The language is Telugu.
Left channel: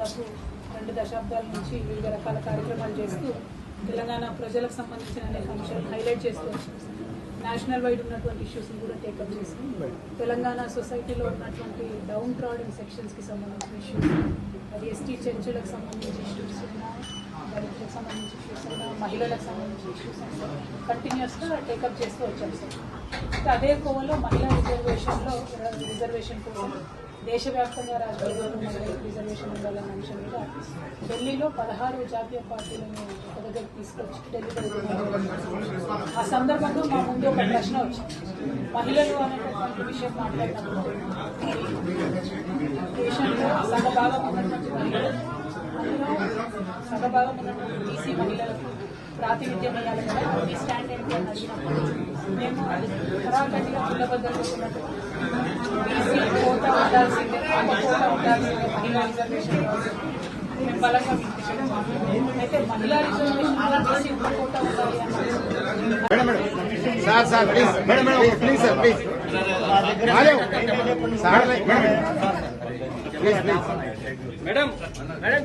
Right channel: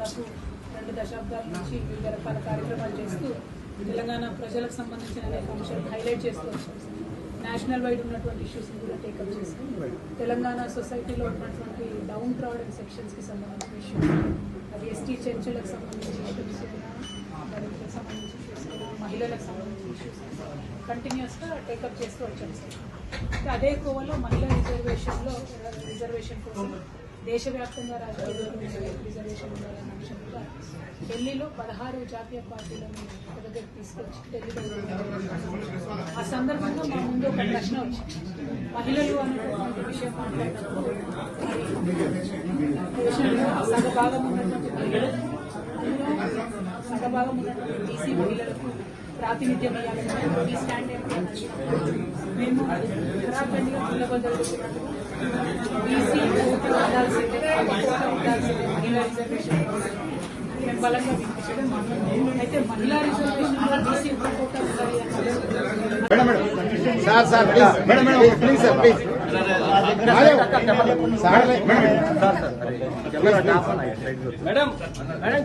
దాదాపు 2 దశాబ్దాల నుంచి వివిధ రకాల కార్యక్రమాలు చేస్తూ తెలంగాణ ప్రజలకు సంబంధించిన అనేక అంశాలు హైలైట్ చేస్తూ వచ్చాం. నేషనల్ వైడ్ ఉన్నటువంటి ఇష్యూస్ని కూడా టేకప్ చేసుకుని తెలంగాణ సొసైటీలో ఉన్నటువంటి డౌన్ ట్రాడెన్ సెక్షన్స్కి సంబంధించిన ఇష్యూస్, అది ఎస్టీ చెంచులకు సంబంధించిన ఇష్యూస్, దళితులకు సంబంధించిన ఇష్యూస్, మహిళలకు సంబంధించిన ఇష్యూస్ కంటిన్యూస్గా టేకప్ చేస్తూ వచ్చాం. అదే కోవలో మహిళా రిజర్వేషన్ కోసం దేశవ్యాప్తంగా రాష్ట్రాల్లో రిజర్వేషన్ ఉండాలన్న అంశం మీద ఢిల్లీలో 16 జాతీయ పార్టీలను ఒక దగ్గరికి తీసుకొచ్చి ఢిల్లీలో ఆ సందర్భంలో మా ముందు ఒక ప్రశ్న వచ్చింది. మహిళలు అనేటటువంటి విషయం మాట్లాడినప్పుడు సగభాగం ఉన్నటువంటి మహిళలు, అందులో సగభాగం ఉన్నటువంటి బీసీ మహిళలకు ప్రాతినిధ్యం ఇవ్వాలి, స్టాండ్ ఏంటి అని అడిగినప్పుడు మేము ఉత్తరాఖండ్గా జిల్లబద్దలో బీసీ కోటా ఉండాల్సిందే, కోటా ఉండాల్సిందే, మహిళా రిజర్వేషన్ మేము బలంగా వినిపించాము. అయితే మహిళా రిజర్వేషన్ బీసీ కోటా ఉండాలి అన్నారు.